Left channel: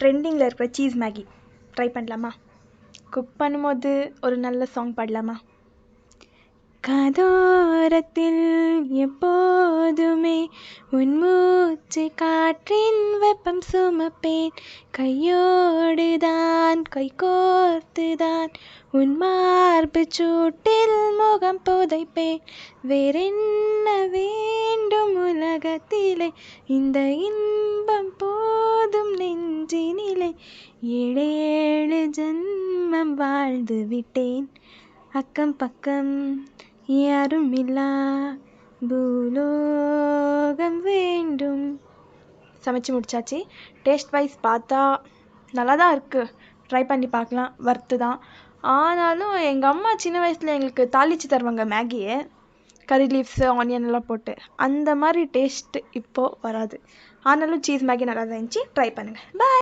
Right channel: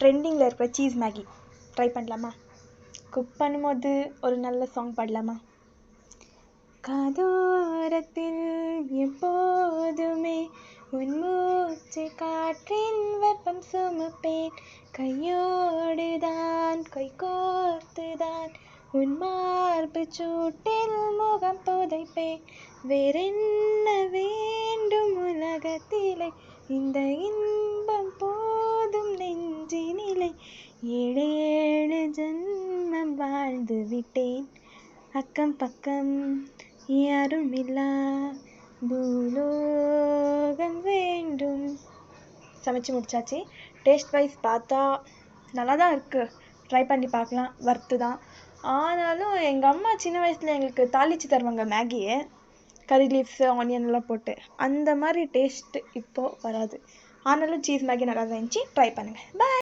ட்ரெண்டிங்கில் இருக்கிற cheese Maggi try பண்ணலாமா? குக் பண்ணும்போது ஒரு நல்ல சாங் பாடலாமா? காதோரத்தில் எப்போதுமே உன் மூச்சு காற்றின் வெப்பம் சுமப்பேன், கையோடுதான் கை கோர்த்துதான் உன் மார்பு சூட்டில் முகம் புதைப்பேன். வேறென்ன வேண்டும் உலகத்திலே, இந்த இன்பம் போதும் நெஞ்சினிலே. 7 ஜென்மம் வாழ்ந்து விட்டேன், அக்கம் பக்கம் யாரும் இல்லா பூலோகம் வேண்டும். சமைச்சு முடிச்சாச்சு. டேஸ்ட் வைஸ் பார்த்தா நல்லா தான் இருக்குது, ட்ரை பண்ணி பார்க்கலாம், வர்த்து தான். ஆனாலும் எங்கள் அம்மா சின்ன வயசில் எங்களுக்கு தாளித்து தருவாங்க மேகியை, கறி லீவ்ஸு ஆனியன் எல்லாம் போட்டு. அந்த மாதிரி டேஸ்ட்டு இப்போது வராது. ஆனாலும் சீஸ் மேகி நல்லா தான் இருந்துச்சு, ட்ரை பண்ணுங்கள். பாய்.